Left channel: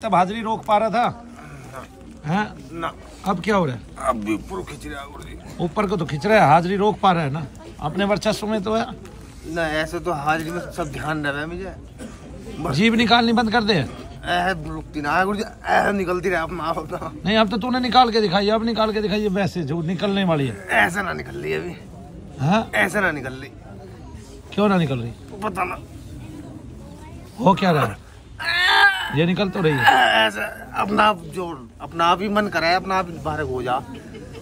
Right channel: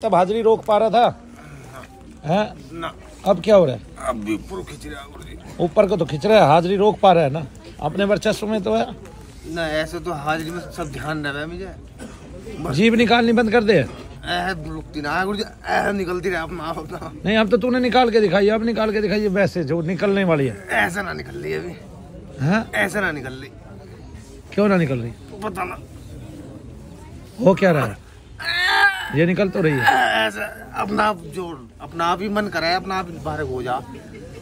तब हाजिरी रोक पा रहा था है ना। अब क्या हो रहा है? अब भी ऊपर खींच रहा है, ऊपर को तो खींच रहा है, हाजिरी रोक पा रहा है ना अपने वर्चस्व में तो है ना। ऐसे तो हाजिरी में सब ध्यान रहा है मुझे। जीभ निकालनी बंद कर दे। रुकती ना गुरु जी, निकलती रहे अपना अपना। नहीं अब तो तूने निकाल के दिखाई, अब निकाल के दिखाई वैसे जो निकलने वाली है। ऐसा ना निकल रही अभी। हाँ ऐसा ना निकल रही। क्यों ना निकल रही? पता ना हो क्या रहा है? ये निकल तो रही है। ऐसा अपना आप जो अपना आप ही मन करे, अपना आप बाहर हो जा।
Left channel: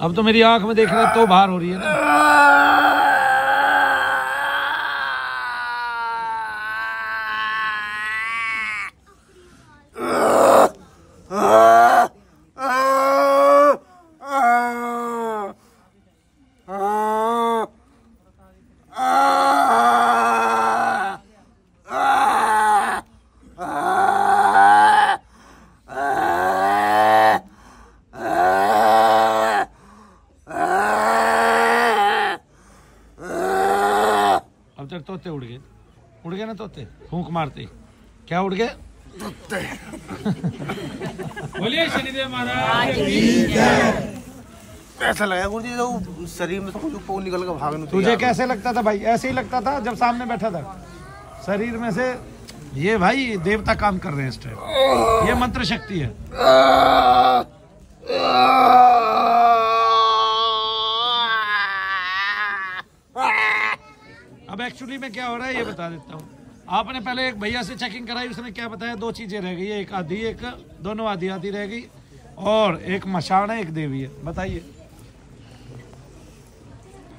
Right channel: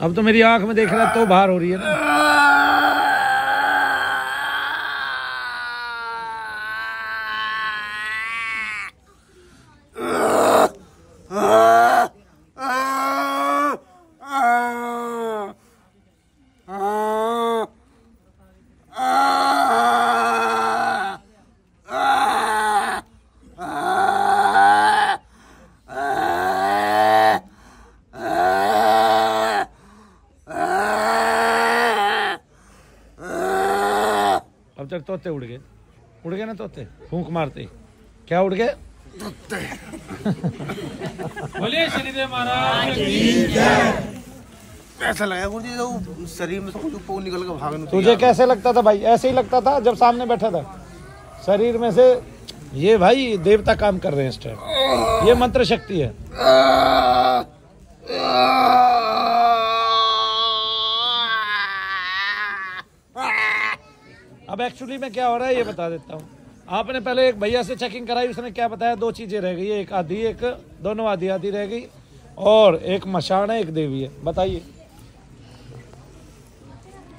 अब तो मेरी आंख में देख रहा तो बाहर हो रही है ना। अब तक तोते उड़ गए ना तोते, फूंक मारते क्या उड़ गए? बोलिए शनिदेव महाराज। ऐसा लगा गुरु जी तो शरीर में से कुछ ऊपर निकल कर भागने। तुझे कैसे लगता था भाई? ऐसे ही लगता था जब सामने बैठा था। शरीर में से ये भाई देवता काम कर रहे हैं इस टाइम, ये मंत्र शक्ति है। अब एक्चुअली में क्या हो रहा है ये बता देता हूँ। आपने पहले एक भैया से चेकिंग कराई, उसने क्या बताया? दो चीजें रह गई है, एक आधी, एक दोनों आधी आधी रह गई, और एक मशान है, एक देवी है। बताइए।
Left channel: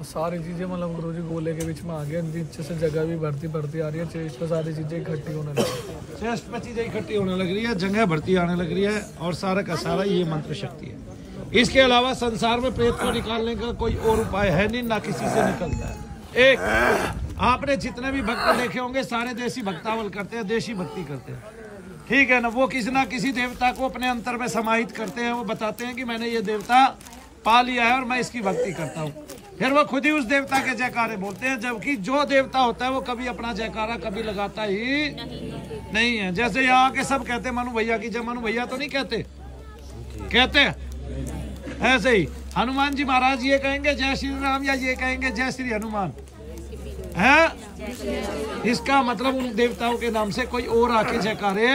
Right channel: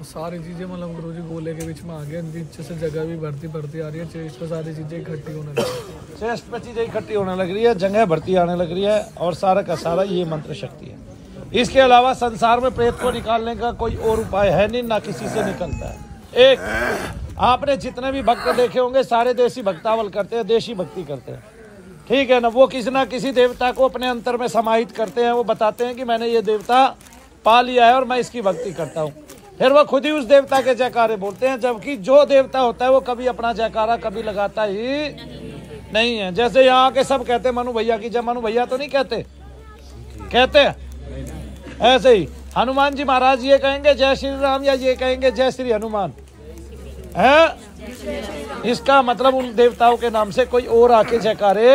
सारी चीजें मतलब गुरुजी गोले के बीच में आ गया, नीचे से जगह भी बढ़ती आ रही है, चेस्ट पे सारी चीजें इकट्ठी होने लगी है। चेस्ट पे चीजें इकट्ठी होने लग रही है, जगह बढ़ती आने लग रही है, और सारा का सारा ये मंत्र शक्ति है। इसके अलावा संसार में प्रेत को निकालने का कोई और उपाय है नहीं, ना किसी से निकलता है। एक आपने जितने भी भक्त देखे होंगे सारे देसी भक्तावल करते हैं, देशी भक्ति करते हैं, ठीक है ना। वो किसी ना किसी देवता को अपने अंतर में समाहित करते हैं। वो बताते हैं कि मैंने ये देवता पा लिया है और मैं इसकी भक्ति करता हूँ। फिर वो खुद ही उस देवता के जयकारे बोलते हैं, जबकि जो देवता होता है वो कभी अपना जयकारा कभी लगाता ही नहीं है। जैसे यहाँ के सब कहते हैं मनु भैया की जय, मनु भैया तो नहीं कहते, कहते हैं ऐसे ही हनुमान जी महाराज ये कहेंगे जय श्री राम, या ये कहेंगे जय श्री हनुमान है। इसका मतलब उन देवताओं के नाम से कोई और आके जयकारे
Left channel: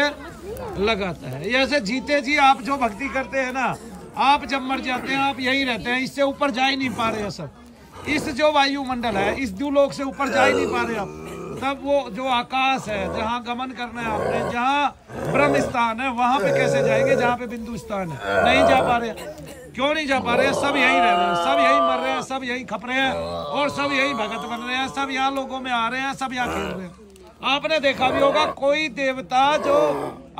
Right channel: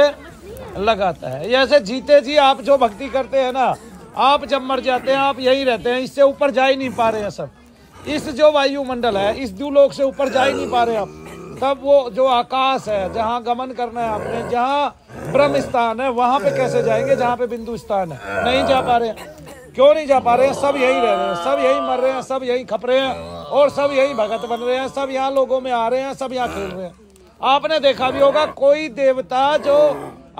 लगाता है। ऐसे जीते जी आप जो भक्ति करते हैं ना, आप जब मर जाते हैं आप यही रहते हैं, इससे ऊपर जा ही नहीं पा रहे हैं सब। इस जो वायुमंडल है, इस द्युलोक से ऊपर जा ही नहीं पा रहे आप। तब वो जो आकाश है जहाँ गमन करना है आपने, जहाँ ब्रह्म स्थान है, वहां पे कैसे जाएंगे जहाँ पे बिंदु स्थान है? नहीं जा पा रहे। क्यों नहीं जा पा रहे हैं? सब यही रह रहे हैं, सब यही मर रहे हैं, सब यही खप रहे हैं, और सब यही भगत बन रहे हैं, सब यहाँ लोगों में आ रहे हैं, सब यहाँ खेल रहे हैं। आपने देखा भी होगा कोई देवता जो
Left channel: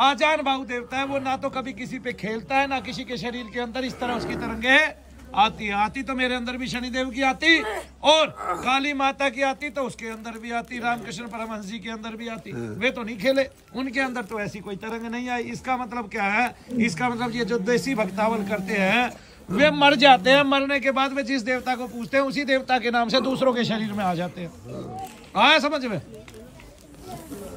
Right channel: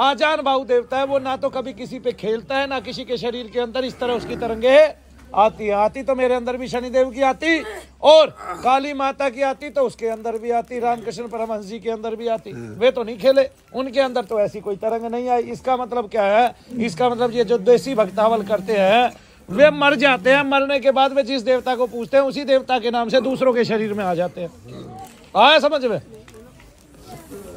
आजान बाहु देवता है, वो ना तो कभी किसी पे खेलता है, ना किसी के शरीर के अंदर इस तरह उसकी तरंगे आती है। आती तो मेरे अंदर भी शनिदेव की आती, और काली माता की आती तो उसके अंदर भी आती, रामकृष्ण परमहंस जी के अंदर भी आती। वे तो नहीं खेले, उनके अंदर तो ऐसी कोई तरंग नहीं आई। इसका मतलब क्या है? इसका मतलब ये जो देसी भक्तावल करते हैं वे मर जाते हैं, मरने के बाद वे जिस देवता को पूछते हैं उसी देवता के नाम से दूसरों के शरीर में आ जाते हैं। आया समझ में?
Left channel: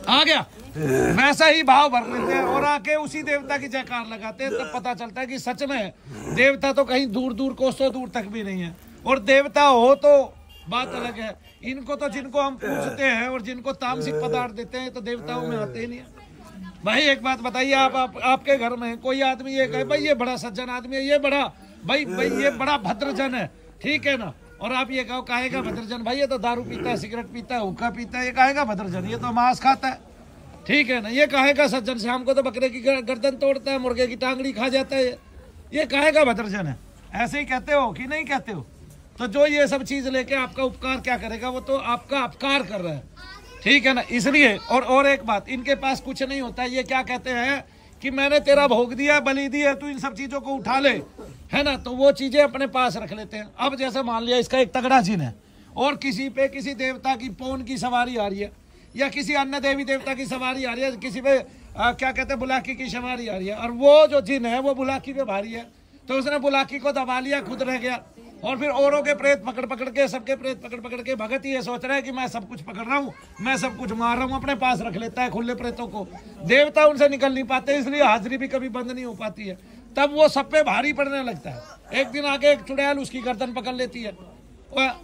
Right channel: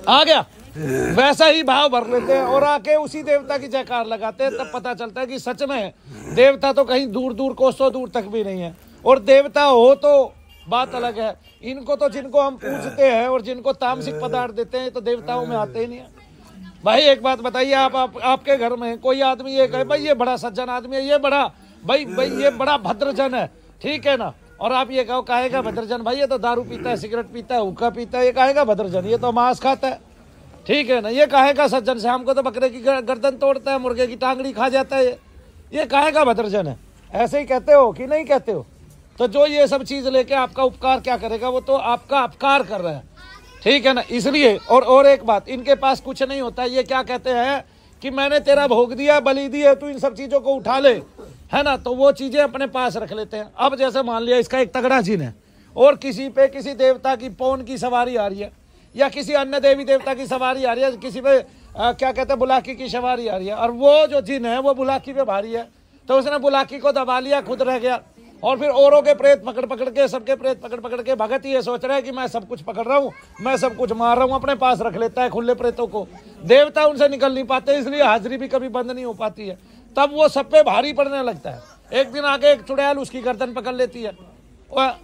आ गया? वैसा ही भाव भर लेते हैं और आके उसी देवता की जयकार लगाते हैं। तब पता चलता है कि सच में देवता तो कहीं दूर दूर कोसों दूर तक भी नहीं है, और देवता हो तो बात अलग है। इनको तो जिनको हम पूछते हैं और जिनको तामसिक पदार्थ देते हैं तो देवताओं में आते ही नहीं है। भाई एक बात बताइए, आपके घर में कोई आदमी ये कहे भाई ये बड़ा सज्जन आदमी है, ये बड़ा भाई ये बड़ा भद्रजन है, ठीक है ना, और आप ये कहो कहेगा भद्रजन भाई ये तो दारू पीता है, सिगरेट पीता है, हुक्का पीता है, ये कहेगा भद्रजन, ये तो मांस खाता है, ठीक है ना। ये कहेगा सज्जन शाम को तो बकरे की गर्दन तोड़ता है, मुर्गे की टांगड़ी खा जाता है, ये कहेगा भद्रजन है। ऐसे ही कहते हो कि नहीं कहते हो? तो जो ये सब चीज लेके आपका उपकार क्या करेगा? वो तो आपका अपकार कर रहा है, ठीक है ना। इसलिए और एक बात, इनके पास कुछ नहीं होता। ये क्या कहते हैं कि मैंने तेरा भोग दिया, बलि दी है, तू इन सब चीजों को उठा ले, है ना। तो वो चीजें अपने पास रख लेते हैं। अब जैसे मान लिया इसका एक तगड़ा जिन है और किसी पे किसी देवता की पौन की सवारी आ रही है, या किसी अन्य देवी देवता की सवारी आ रही है, किसी पे क्या कहते हैं बुलाकी की सवारी आ रही है, और वो जो जिन है वो बुलाकी पे भारी है, तो उसने बुलाकी को दबा लिया, खुद रह गया। और फिर औरों के प्रेत पकड़ पकड़ के, सबके प्रेत पकड़ पकड़ के भगत ये सोच रहे हैं कि मैं सब कुछ पकड़ रहा हूँ, मैं सब कुछ मार रहा हूँ, अपने पास रख लेता है खुले प्रेतों को। देवता उनसे निकल नहीं पाते, इसलिए हाजिरी भी कभी बंद नहीं हो पाती है। तब वो सब पे भारी पड़ने लगता है। एक दिन आगे एक चुड़ैल उसकी गर्दन पकड़ लेती है, और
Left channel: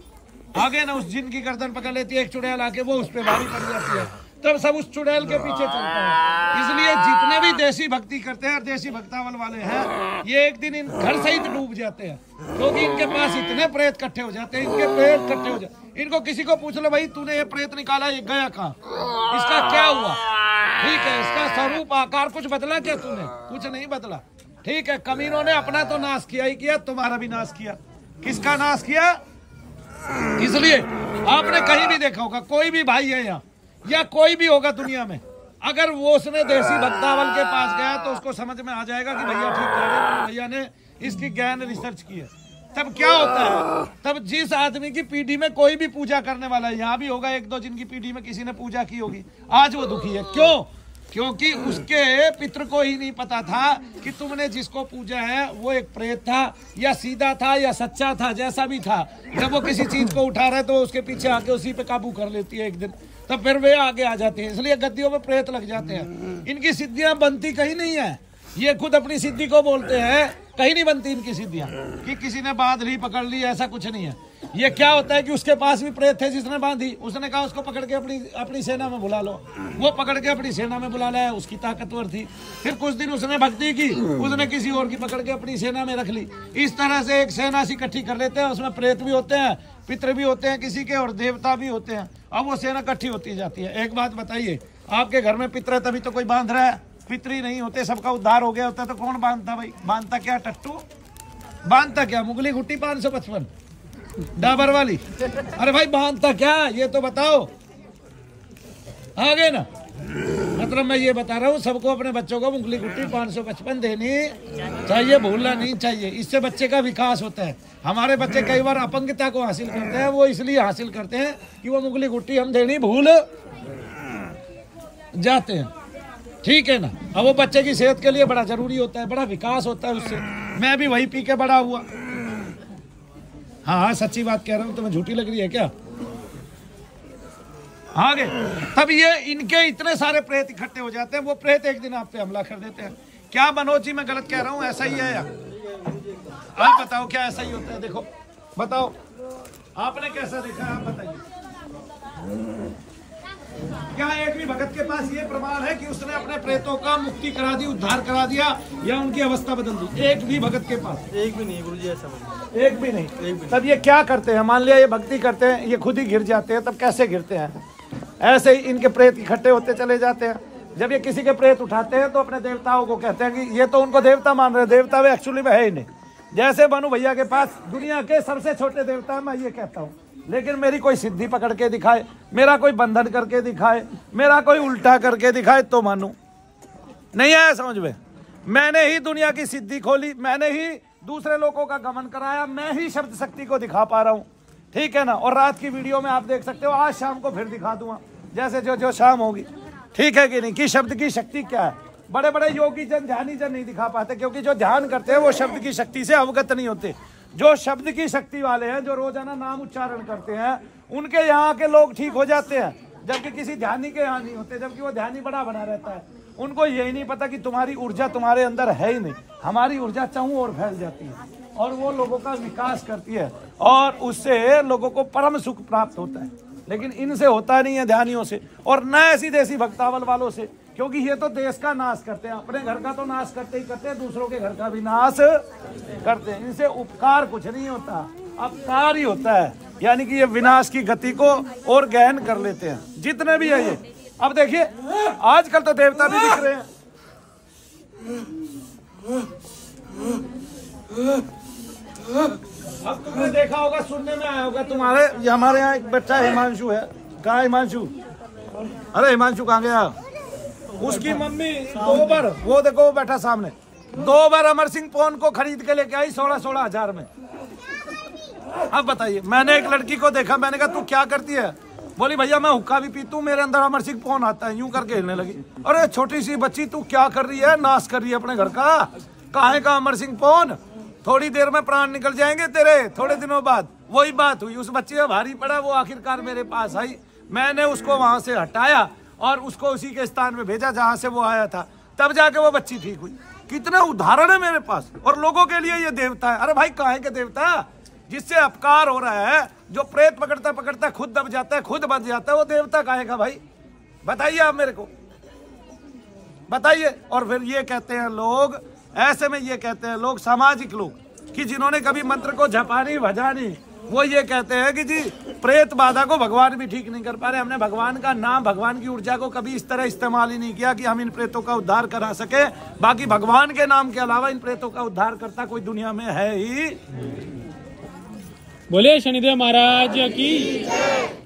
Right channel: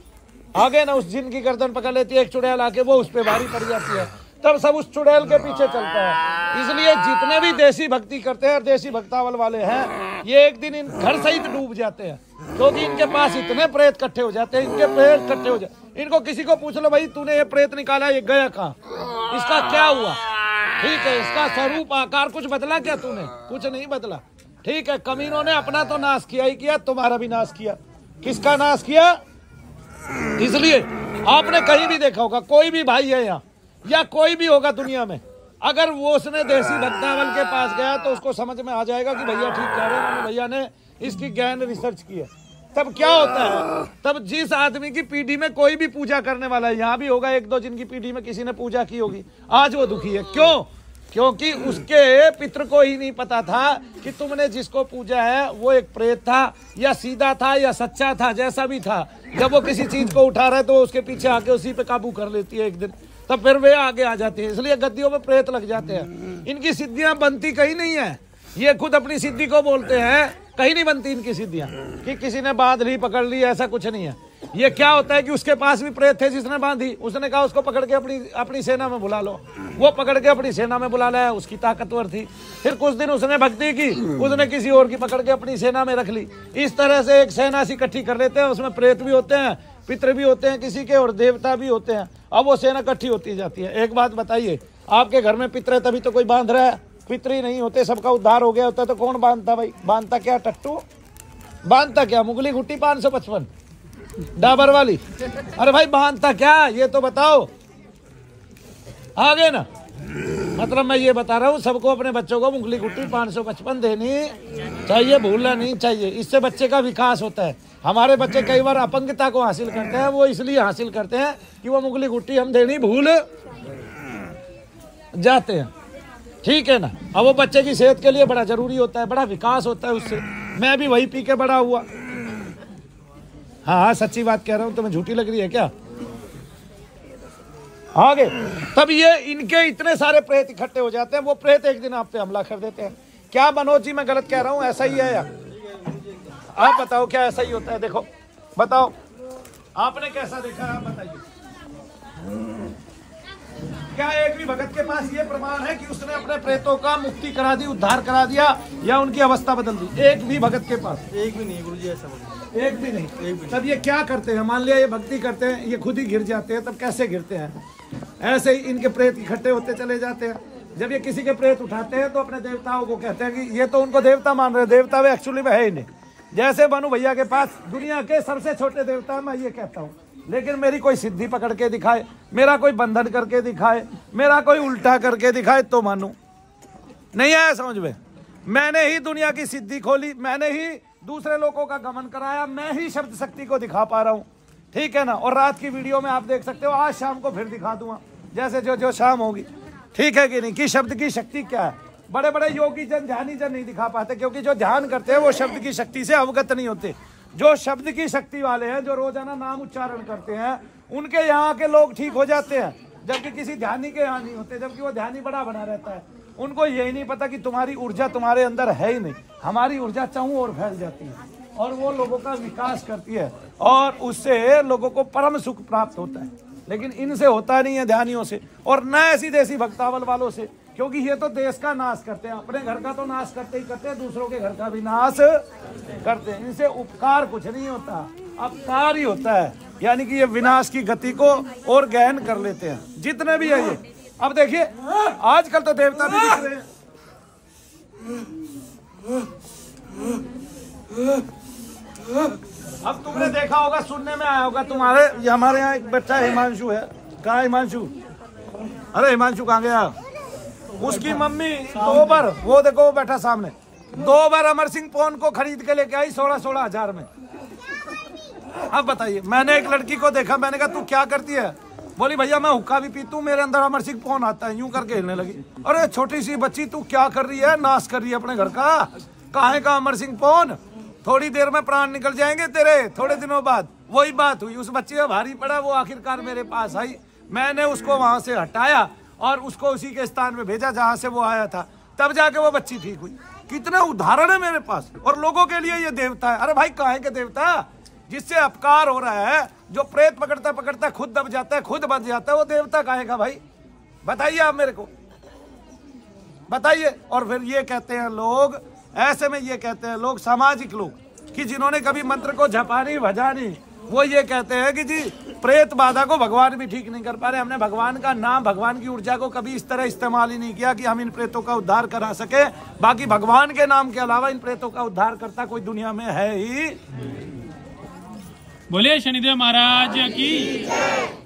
आगे ना उस जिन की गर्दन पकड़ लेती है एक चुड़ैल आके, वो उस पे भारी पड़ जाती है। तब सब उस चुड़ैल के पीछे चलता है। इसलिए जितने भी देसी भक्ति करते हैं, देसी भक्तावल वाले हैं, ये एक दिन इन घर सहित डूब जाते हैं, क्योंकि इनके पास इतने प्रेत इकट्ठे हो जाते हैं, इनके प्रेत इकट्ठे हो जाते। इनको किसी को पूछ लो, भाई तूने ये प्रेत निकाला, ये गया कहाँ, इसका क्या हुआ, ठीक है, इसका स्वरूप आकार कुछ बदला क्या तूने? कुछ नहीं बदला। ठीक है, कमीनों ने अपना तो नाश किया ही किया, तुम्हारा भी नाश किया। किसका नाश किया? इसलिए आपने कहीं भी देखा होगा, कोई भी भाई है यहाँ या कोई भी होगा दुनिया में, अगर वो उसने देसी भक्तावल के पास गया तो उसको समझ में आ जाएगा कि भैया ठीक कह रहे हैं, भैया ने इसकी गहन रिसर्च की है। तब क्या होता है, तब जिस आदमी की पीढ़ी में कोई भी पूजा करने वाला है, यहाँ भी होगा एक दो जिनकी पीढ़ी में किसी ने पूजा की होगी, आज वो दुखी है। क्यों? क्योंकि उसके पितृ को ही नहीं पता था कि तुमने जिसको पूजा है वो एक प्रेत था, या सीधा था, या सच्चा था, जैसा भी था। जब वो किसी चीज को उठा रहा है तो उसके पीछे आके उसी पे काबू कर लेती है एक दिन, तब फिर वे आगे आ जाते हैं। इसलिए गद्दियों में प्रेत लग जाते हैं। इनकी सिद्धियां बनती कहीं नहीं है, ये खुद अपनी सिद्धि को बोलते हैं, कहीं नहीं बनती इनकी सिद्धियां कि किसी ने बांध ली, पकड़ ली, ऐसा कुछ नहीं है। ये क्या होता है कि उसके पास भी प्रेत थे जिसने बांधी, उसने कहा उसको पकड़ के अपनी सेना में बुला लो, वो पकड़ के अपनी सेना में बुला लाया, उसकी ताकतवर थी। फिर कुछ दिन उसने भक्ति की, उसने किसी और की पकड़ के अपनी सेना में रख ली। इस तरह से एक सेना सी इकट्ठी कर लेते हैं, उसमें प्रेत भी होते हैं, पितृ भी होते हैं किसी के, और देवता भी होते हैं। अब वो सेना इकट्ठी होती जाती है। एक बात बताइए, आपके घर में पितृ तभी तो कोई बांध रहा है, पितृ नहीं होते, सबका उद्धार हो गया होता तो कौन बांधता भाई? बांधता क्या टट्टू? बांधता क्या? मुगली गुट्टी 555 डाबर वाली? अरे भाई बांधता क्या, ये तो बताओ। आगे ना, मतलब मैं ये बता रहा हूँ, सबको अपने बच्चों को मुगली गुट्टी 555 देनी चाहिए, भूलना नहीं चाहिए। इससे बच्चे का विकास होता है। हमारे बच्चे कई बार अपंगता को हासिल करते हैं, वो इसलिए हासिल करते हैं कि वो मुगली गुट्टी हम देनी भूल जाते हैं। ठीक है ना। अब वो बच्चे की सेहत के लिए बड़ा जरूरी होता है, बड़ा विकास होता है उससे। मैं भी वही पी के बड़ा हुआ। हाँ, सच्ची बात कह रहा हूँ, तुम्हें झूठी लग रही है क्या? आगे तब ये इनके इतने सारे प्रेत इकट्ठे हो जाते हैं, वो प्रेत एक दिन आप पे हमला कर देते हैं। क्या मनोज जी मैं गलत कह रहा हूँ? ऐसा ही है या आप बताओ, क्या ऐसा ही होता है? देखो बताओ, आपने कैसा देखा, आप बताइए। क्या एक भी भगत के पास ये प्रमाण है कि उसने अपने प्रेतों का मुक्ति करा दी, उद्धार करा दिया, या उनकी अवस्था बदल दी? एक भी भगत के पास? एक भी नहीं गुरुजी, ऐसा एक भी नहीं। तब ये क्या करते हैं? मान लिया ये भक्ति करते हैं, ये खुद ही गिर जाते हैं, तब कैसे गिरते हैं? ऐसे ही इनके प्रेत इकट्ठे होते चले जाते हैं। जब ये किसी के प्रेत उठाते हैं तो अपने देवताओं को कहते हैं कि ये तो उनको देवता मान रहे, देवता वे एक्चुअली में है ही नहीं। जैसे भानु भैया के पास दुनिया के सबसे छोटे देवता, मैं ये कहता हूँ, लेकिन मेरी कोई सिद्धि पकड़ के दिखाए, मेरा कोई बंधन करके दिखाए, मेरा कोई उल्टा करके दिखाए तो मानू। नहीं आया समझ में? मैंने ही दुनिया की सिद्धि खोली, मैंने ही दूसरे लोगों का गमन कराया, मैं ही शब्द शक्ति को दिखा पा रहा हूँ। ठीक है ना। और रात की वीडियो में आप देख सकते हो, आज शाम को फिर दिखा दूंगा, जैसे जो शाम होगी। ठीक है कि नहीं? कि शब्द की शक्ति क्या है। बड़े बड़े योगी जन, ध्यानी जन नहीं दिखा पाते, क्योंकि जो ध्यान करते हैं वो शब्द की शक्ति से अवगत नहीं होते। जो शब्द की शक्ति वाले हैं, जो रोजाना नाम उच्चारण करते हैं, उनके यहाँ के लोग ठीक हो जाते हैं, जबकि किसी ध्यानी के यहाँ नहीं होते, जबकि वो ध्यानी बड़ा बना रहता है। उनको यही नहीं पता कि तुम्हारी ऊर्जा तुम्हारे अंदर है ही नहीं, हमारी ऊर्जा चाहूं और फैल जाती है, और वो लोगों का विकास करती है, और उससे लोगों को परम सुख प्राप्त होता है। लेकिन इनसे होता नहीं है, ध्यानियों से, और न ऐसी देसी भक्तावल वालों से, क्योंकि ये तो देश का नाश करते हैं, अपने घर का तो नाश करते ही करते हैं, दूसरों के घर का भी नाश करते हैं। इनसे उपकार कुछ नहीं होता, अपकार ही होता है। यानी कि ये विनाश की गति को और गहन कर लेते हैं, जितने भी है ये। अब देखिए, आजकल तो देवता भी दिख रहे हैं। अब तुमने देखा होगा, सुनने में आया होगा तुम्हारे, हमारे यहाँ एक बच्चा हिमांशु है। कहाँ हिमांशु? अरे हिमांशु कहाँ गया? उसकी मम्मी 2 बार, वो देखो वो बैठा सामने, 2 बार अमर सिंह फोन को खरीद के लेके आई 16-16 हजार में। अब बताइए, मैंने एक लड़की को देखा, मैंने कहा तू क्या करती है? बोली भैया मैं हुक्का भी पीती हूँ, मेरे अंदर अमर सिंह फोन आता है, यूं करके हिलने लगी। अरे छोटी सी बच्ची, तू क्या कर रही है? नाश कर रही है अपने घर का। कहाँ का अमर सिंह फोन? थोड़ी देर में प्राण निकल जाएंगे तेरे। थोड़े दिनों बाद वही बात हुई, उस बच्चे का भारी पड़ा, वो आखिरकार मेरे पास आई, मैंने उसको वहां से हटाया और उसको उसी के स्थान में भेजा जहां से वो आया था, तब जाके वो बच्ची ठीक हुई। कितने उदाहरण है मेरे पास, और लोगों के लिए ये देवता है। अरे भाई काहे के देवता? जिससे अपकार हो रहा है, जो प्रेत पकड़ता पकड़ता खुद दब जाता है, खुद बच जाता है, वो देवता काहे का भाई? बताइए आप मेरे को, बताइए। और फिर ये कहते हैं लोग, ऐसे में ये कहते हैं लोग, सामाजिक लोग, कि जिन्होंने कभी मंत्र को झपा नहीं भजा नहीं, वो ये कहते हैं कि जी प्रेत बाधा को भगवान भी ठीक नहीं कर पा रहे। हमने भगवान का नाम, भगवान की ऊर्जा को कभी इस तरह इस्तेमाल ही नहीं किया कि हम इन प्रेतों का उद्धार करा सके। बाकी भगवान के नाम के अलावा इन प्रेतों का उद्धार करता कोई दुनिया में है ही। बोलिए शनिदेव महाराज की।